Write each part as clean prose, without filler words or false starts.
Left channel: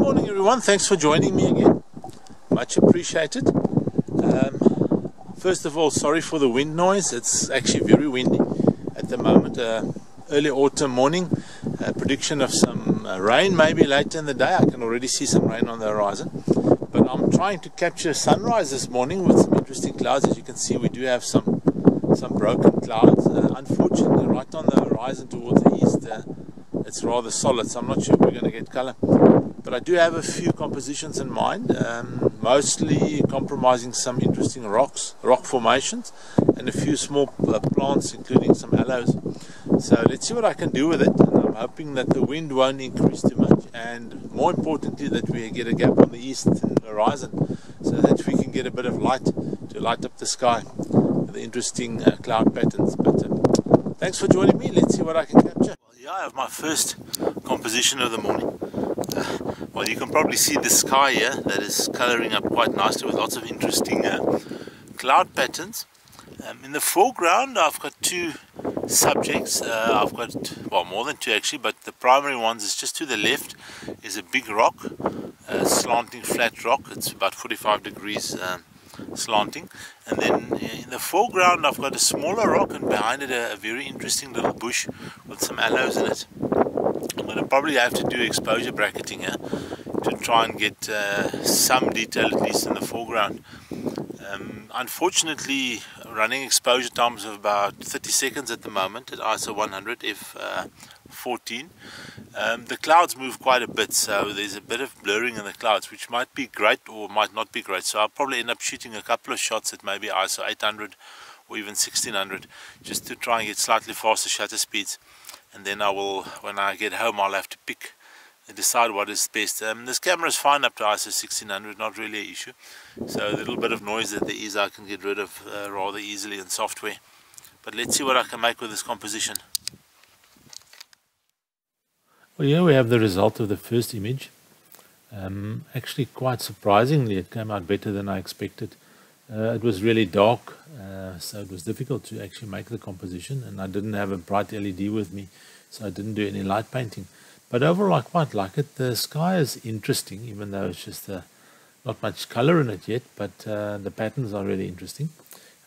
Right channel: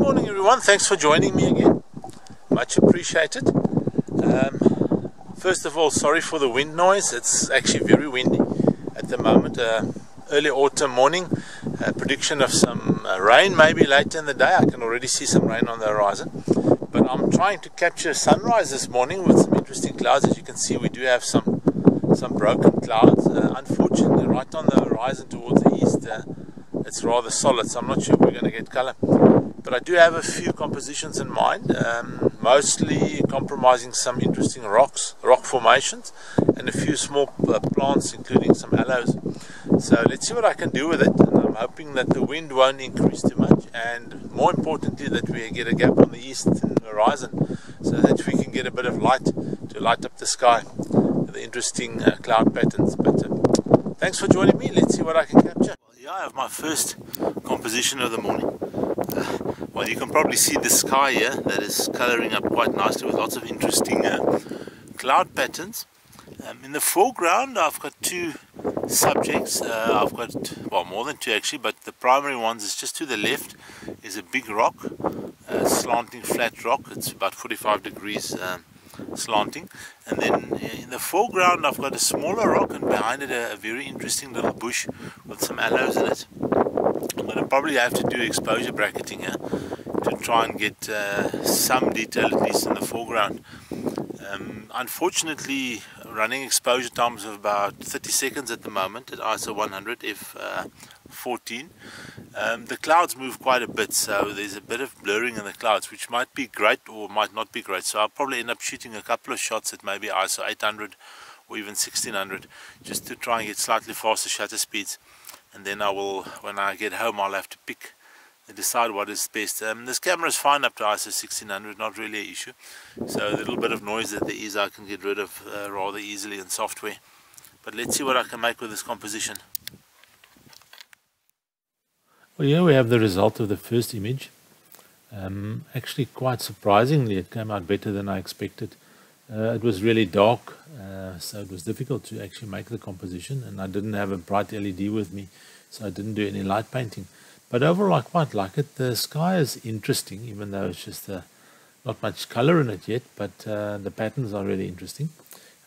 morning everyone, thanks for joining me again, much appreciated. First of all, sorry for the wind noise. It's actually very windy at the moment. Early autumn morning, prediction of some rain maybe later in the day. I can already see some rain on the horizon, but I'm trying to capture sunrise this morning with some interesting clouds. As you can see, we do have some broken clouds. Unfortunately, right on the horizon towards the east, it's rather solid, so I'm not sure if we're going to get color. But I do have a few compositions in mind, mostly compromising some interesting rock formations, and a few small plants, including some aloes. So let's see what I can do with it, and I'm hoping that the wind won't increase too much, and more importantly that we get a gap on the eastern horizon, so that we can get a bit of light to light up the sky with the interesting cloud patterns. But thanks for joining me. Let's see what I can capture. Well, here I have my first composition of the morning. Well, you can probably see the sky here that is coloring up quite nicely with lots of interesting cloud patterns. In the foreground, I've got two subjects. I've got, well, more than two actually, but the primary ones is just to the left is a big rock, a slanting flat rock. It's about 45 degrees slanting, and then in the foreground I've got a smaller rock, and behind it a very interesting little bush with some aloes in it. I'm going to probably have to do exposure bracketing here to try and get some detail at least in the foreground. Unfortunately, running exposure times of about 30 seconds at the moment at ISO 100 f14. The clouds move quite a bit, so there's a bit of blurring in the clouds, which might be great or might not be great. So I'll probably end up shooting a couple of shots at maybe ISO 800 or even 1600, just to try and get slightly faster shutter speeds. And then I will, when I get home, I'll have to pick and decide what is best. This camera is fine up to ISO 1600, not really an issue. So the little bit of noise that there is, I can get rid of rather easily in software. But let's see what I can make with this composition. Well, here we have the result of the first image. Actually, quite surprisingly, it came out better than I expected. It was really dark, so it was difficult to actually make the composition, and I didn't have a bright LED with me, so I didn't do any light painting. But overall, I quite like it. The sky is interesting, even though it's just not much color in it yet, but the patterns are really interesting.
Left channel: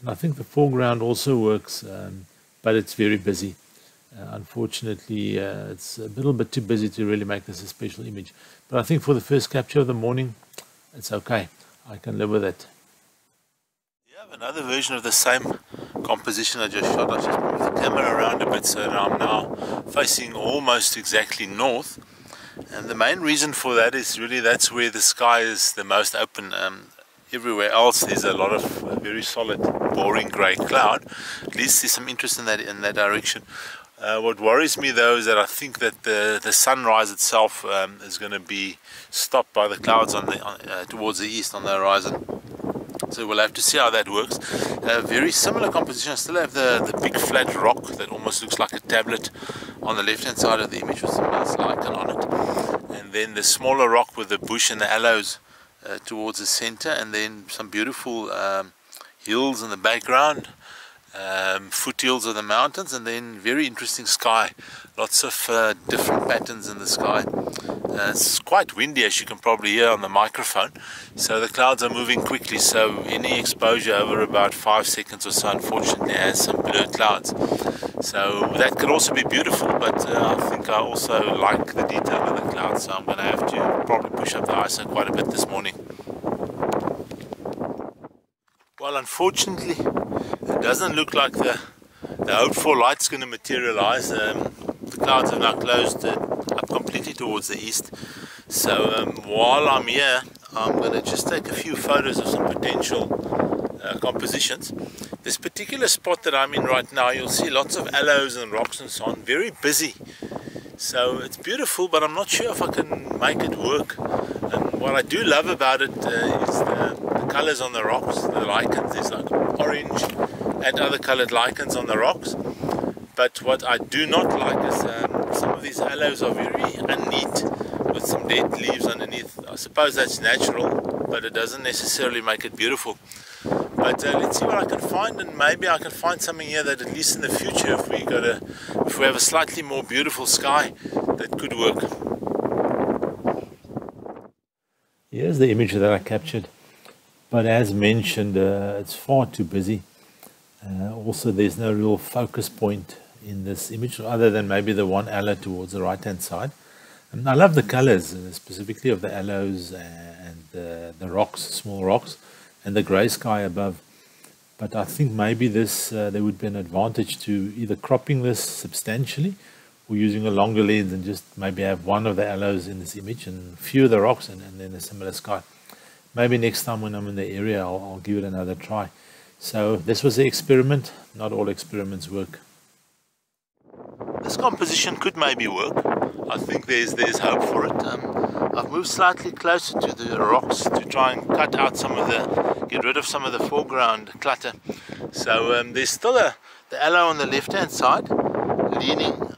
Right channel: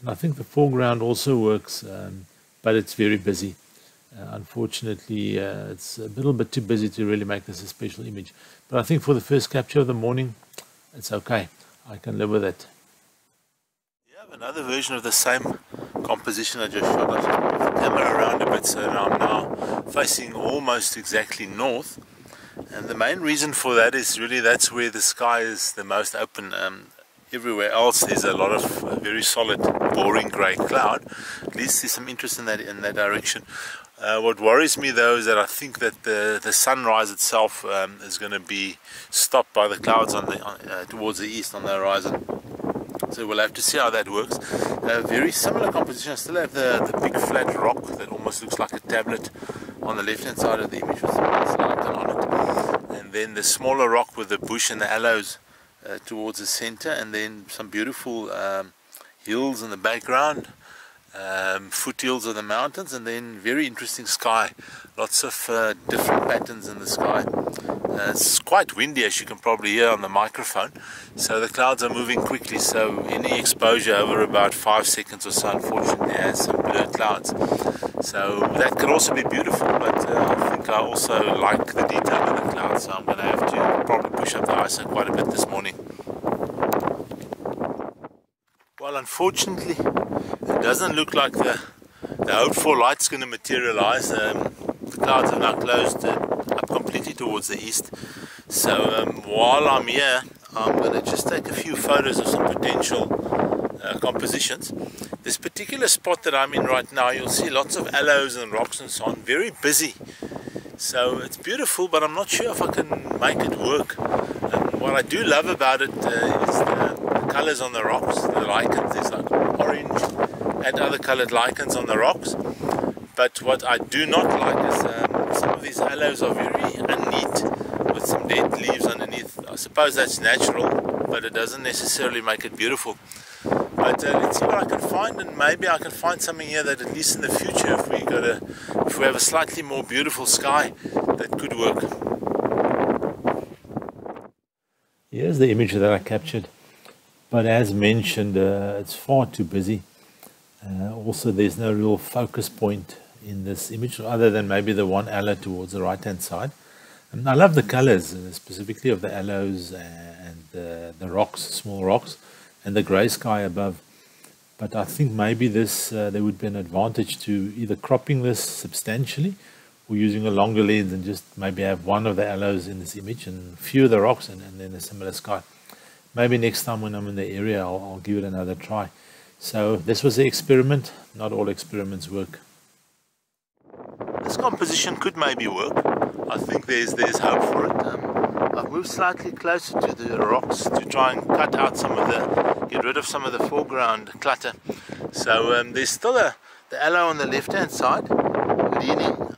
And I think the foreground also works, but it's very busy. Unfortunately, it's a little bit too busy to really make this a special image. But I think for the first capture of the morning, it's okay. I can live with it. Another version of the same composition I just shot. I just moved the camera around a bit, so I'm now facing almost exactly north, and the main reason for that is really that's where the sky is the most open. Everywhere else there's a lot of very solid boring grey cloud. At least there's some interest in that direction. What worries me though is that I think that the sunrise itself is going to be stopped by the clouds on towards the east on the horizon. So we'll have to see how that works. Very similar composition. I still have the big flat rock that almost looks like a tablet on the left hand side of the image with some nice lichen on it. And then the smaller rock with the bush and the aloes towards the center, and then some beautiful hills in the background, foothills of the mountains, and then very interesting sky. Lots of different patterns in the sky. It's quite windy, as you can probably hear on the microphone, so the clouds are moving quickly, so any exposure over about 5 seconds or so unfortunately has some blurred clouds. So that could also be beautiful, but I think I also like the detail in the clouds, so I'm going to have to probably push up the ISO quite a bit this morning. Well, unfortunately it doesn't look like the hoped for light's going to materialize. The clouds have now closed up completely towards the east, so while I'm here I'm going to just take a few photos of some potential compositions. This particular spot that I'm in right now, you'll see lots of aloes and rocks and so on, very busy, so it's beautiful, but I'm not sure if I can make it work. What I do love about it is the colors on the rocks, the lichens. There's like orange and other colored lichens on the rocks. But what I do not like is some of these aloes are very unneat with some dead leaves underneath. I suppose that's natural, but it doesn't necessarily make it beautiful. But let's see what I can find, and maybe I can find something here that at least in the future, if we have a slightly more beautiful sky, that could work. Here's the image that I captured, but as mentioned, it's far too busy. Also, there's no real focus point in this image other than maybe the one aloe towards the right hand side. And I love the colors, specifically of the aloes and the rocks, small rocks, and the grey sky above. But I think maybe this there would be an advantage to either cropping this substantially or using a longer lens and just maybe have one of the aloes in this image and few of the rocks and then a similar sky. Maybe next time when I'm in the area I'll give it another try. So this was the experiment. Not all experiments work. This composition could maybe work. I think there's hope for it. I've moved slightly closer to the rocks to try and cut out get rid of some of the foreground clutter. So there's still the aloe on the left hand side,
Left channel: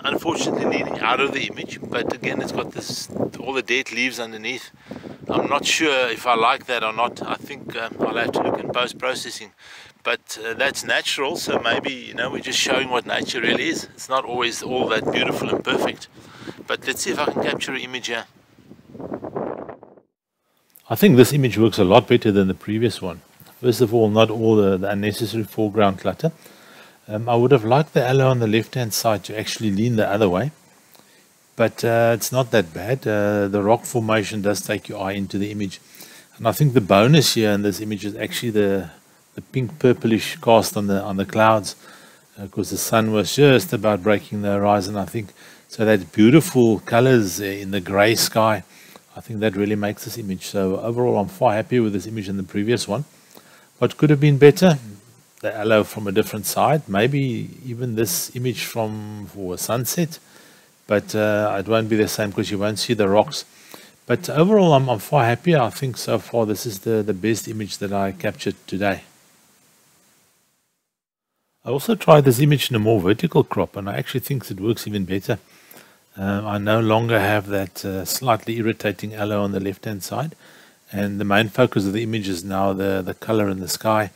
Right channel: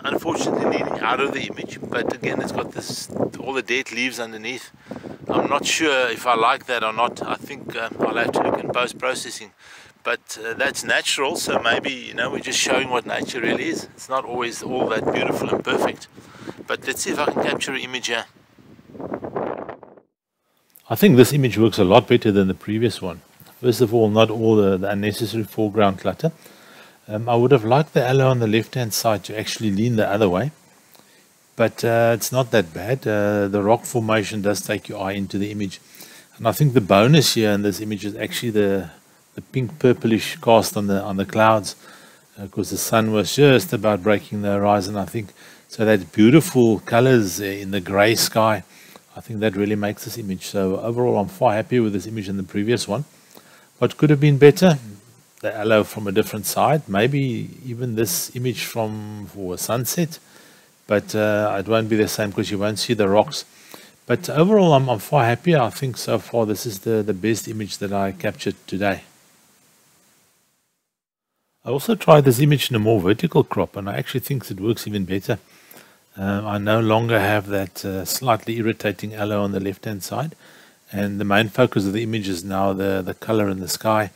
unfortunately leaning out of the image, but again it's got all the dead leaves underneath. I'm not sure if I like that or not. I think I'll have to look in post-processing. But that's natural, so maybe, we're just showing what nature really is. It's not always all that beautiful and perfect. But let's see if I can capture an image here. I think this image works a lot better than the previous one. First of all, not all the unnecessary foreground clutter. I would have liked the aloe on the left-hand side to actually lean the other way. But it's not that bad. The rock formation does take your eye into the image. And I think the bonus here in this image is actually the pink purplish cast on the clouds, because the sun was just about breaking the horizon, I think. So that beautiful colors in the gray sky, I think that really makes this image. So overall I'm far happier with this image than the previous one. What could have been better? The aloe from a different side, maybe even this image for a sunset, but it won't be the same because you won't see the rocks. But overall I'm far happier. I think so far this is the best image that I captured today. I also tried this image in a more vertical crop, and I actually think it works even better. I no longer have that slightly irritating aloe on the left-hand side, and the main focus of the image is now the color in the sky,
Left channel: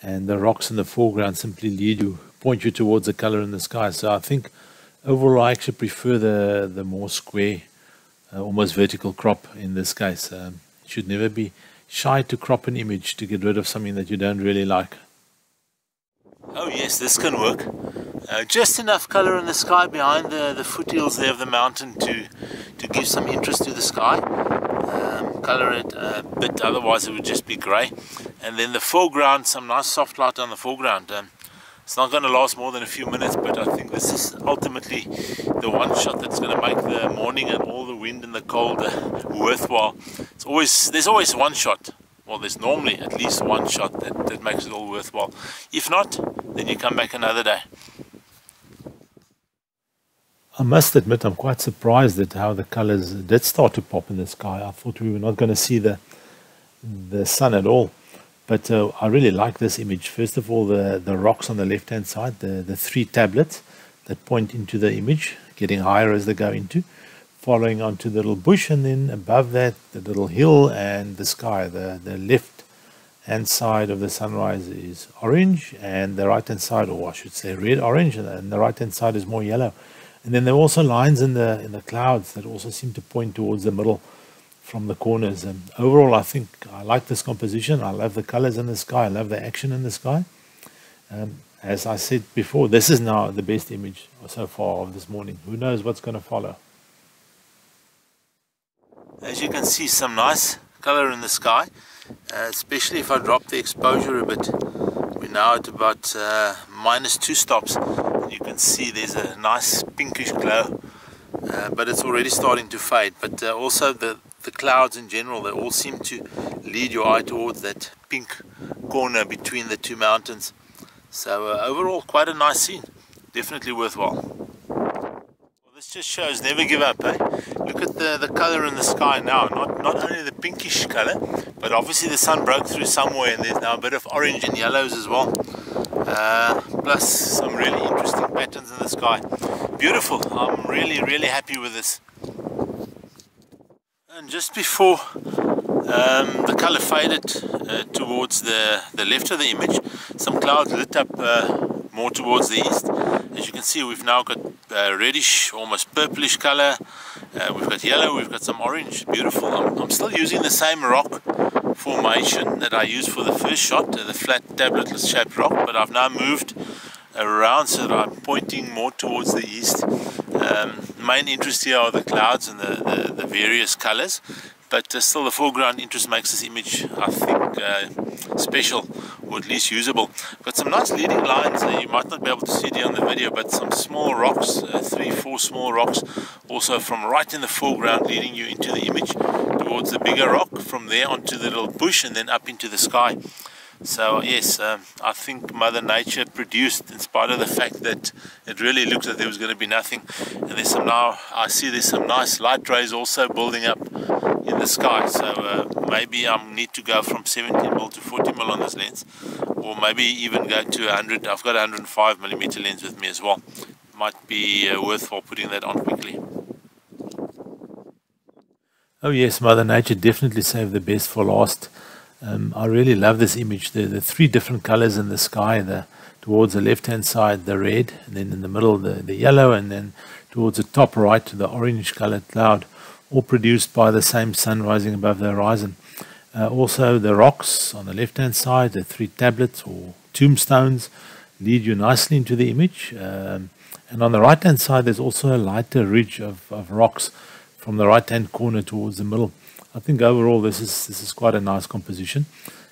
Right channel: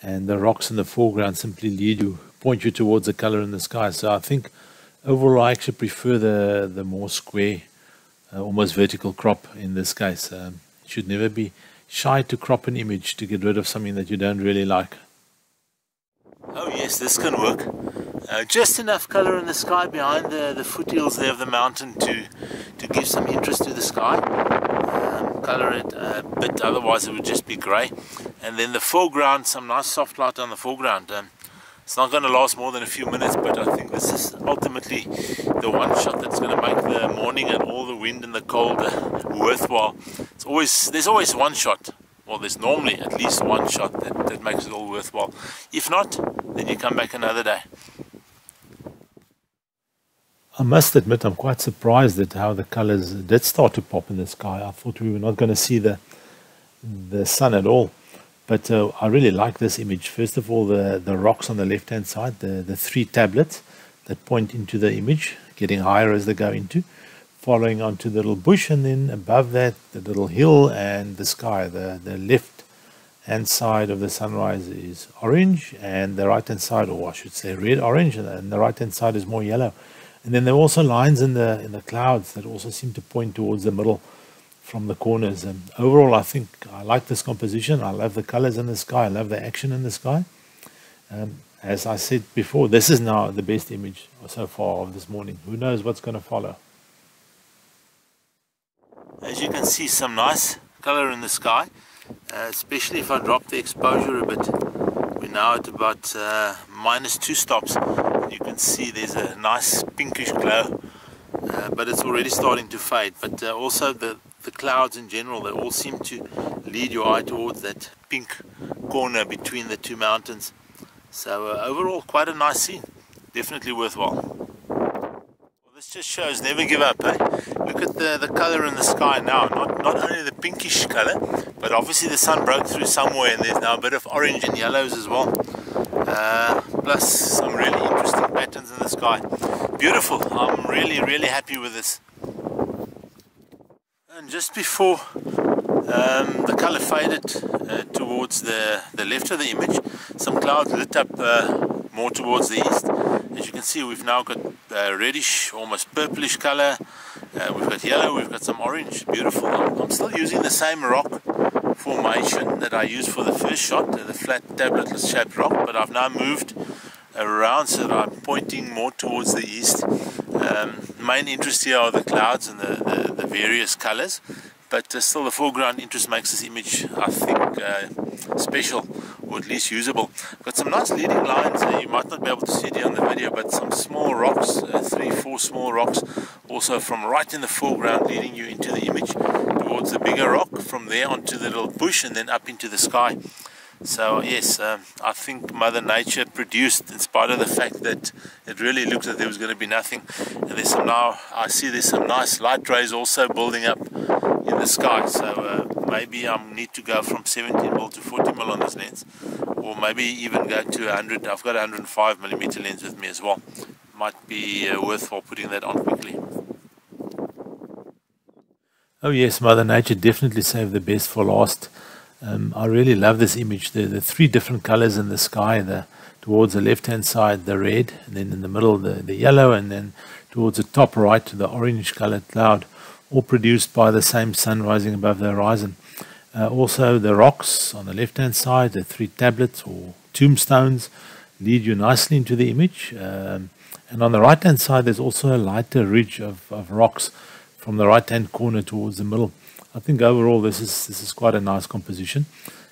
and the rocks in the foreground simply point you towards the color in the sky. So I think overall I actually prefer the more square, almost vertical crop in this case. You should never be shy to crop an image to get rid of something that you don't really like. Oh yes, this can work. Just enough color in the sky behind the foothills there of the mountain to give some interest to the sky. Color it a bit, otherwise it would just be grey. And then the foreground, some nice soft light on the foreground. It's not going to last more than a few minutes, but I think this is ultimately the one shot that's going to make the morning and all the wind and the cold worthwhile. There's always one shot. Well, there's normally at least one shot that makes it all worthwhile. If not, then you come back another day. I must admit I'm quite surprised at how the colors did start to pop in the sky. I thought we were not going to see the sun at all. But I really like this image. First of all, the rocks on the left-hand side, the three tablets that point into the image, getting higher as they go into. Following onto the little bush, and then above that the little hill and the sky. The left hand side of the sunrise is orange, and the right hand side, or I should say red orange, and the right hand side is more yellow. And then there are also lines in the clouds that also seem to point towards the middle from the corners. And overall I think I like this composition. I love the colors in the sky. I love the action in the sky. As I said before, this is now the best image so far of this morning. Who knows what's going to follow. As you can see, some nice color in the sky, especially if I drop the exposure a bit. We're now at about -2 stops. You can see there's a nice pinkish glow, but it's already starting to fade. But also the clouds in general, they all seem to lead your eye towards that pink corner between the two mountains. So overall, quite a nice scene. Definitely worthwhile. This just shows never give up, eh? Look at the color in the sky now. Not only the pinkish color, but obviously the sun broke through somewhere, and there's now a bit of orange and yellows as well. Plus some really interesting patterns in the sky. Beautiful. I'm really happy with this. And just before the color faded towards the left of the image, some clouds lit up more towards the east. As you can see, we've now got reddish, almost purplish color, We've got yellow, we've got some orange, beautiful. I'm still using the same rock formation that I used for the first shot, the flat tablet shaped rock, but I've now moved around so that I'm pointing more towards the east. Main interest here are the clouds and the various colors, but still the foreground interest makes this image, I think, special, or at least usable. Got some nice leading lines. You might not be able to see it here on the video, but some small rocks, 3-4 small rocks, also from right in the foreground, leading you into the image towards the bigger rock, from there onto the little bush, and then up into the sky. So yes, I think Mother Nature produced, in spite of the fact that it really looked like there was going to be nothing. And there's some, now I see there's some nice light rays also building up in the sky. So maybe I need to go from 17mm to 40mm on this lens, or maybe even go to 100. I've got a 105mm lens with me as well. Might be worthwhile putting that on quickly. Oh yes, Mother Nature definitely saved the best for last. I really love this image. The three different colors in the sky, towards the left hand side the red, and then in the middle the yellow, and then towards the top right the orange colored cloud, all produced by the same sun rising above the horizon. Also the rocks on the left hand side, the three tablets or tombstones, lead you nicely into the image. And on the right hand side there's also a lighter ridge of rocks from the right hand corner towards the middle. I think overall this is quite a nice composition,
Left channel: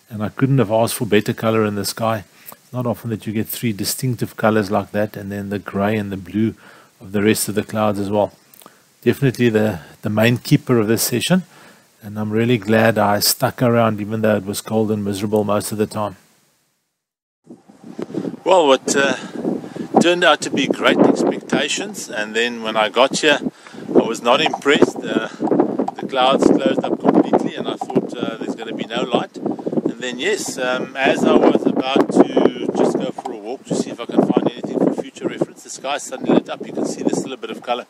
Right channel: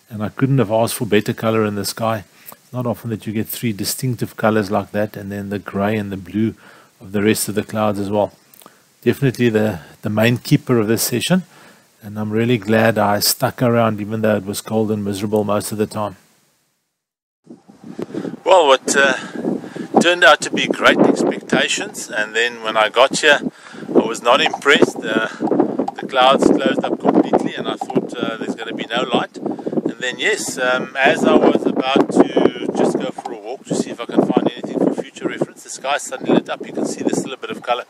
and I couldn't have asked for better color in the sky. It's not often that you get three distinctive colors like that, and then the gray and the blue of the rest of the clouds as well. Definitely the main keeper of this session, and I'm really glad I stuck around even though it was cold and miserable most of the time. Well, what turned out to be great expectations, and then when I got here I was not impressed. The clouds closed up completely, and I thought there's going to be no light. And then yes, as I was about to just go for a walk to see if I can find anything for future reference, the sky suddenly lit up. You can see there's still a bit of color.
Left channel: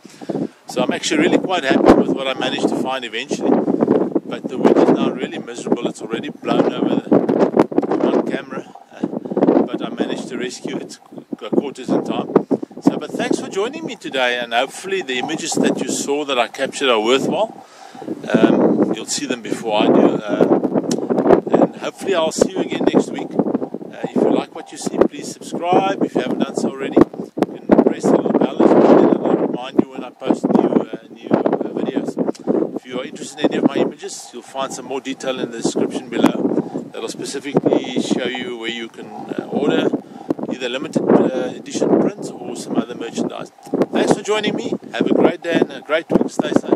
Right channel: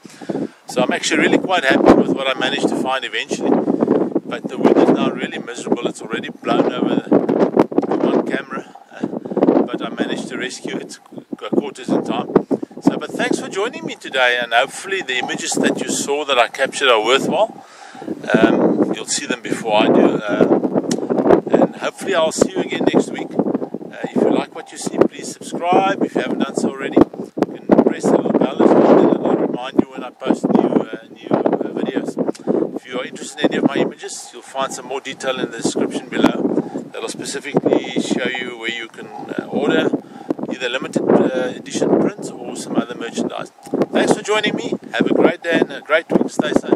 So I'm actually really quite happy with what I managed to find eventually. But the wind is now really miserable. It's already blown over the one camera, but I managed to rescue it, caught it in time. So, but thanks for joining me today, and hopefully the images that you saw that I captured are worthwhile. You'll see them before I do, and hopefully I'll see you again next week. If you like what you see, please subscribe. If you haven't done so already, you can press the little bell as well, then it'll remind you when I post new videos. If you are interested in any of my images, you'll find some more detail in the description below that'll specifically show you where you can order either limited edition prints or some other merchandise. Thanks for joining me. Have a great day and a great week. Stay safe.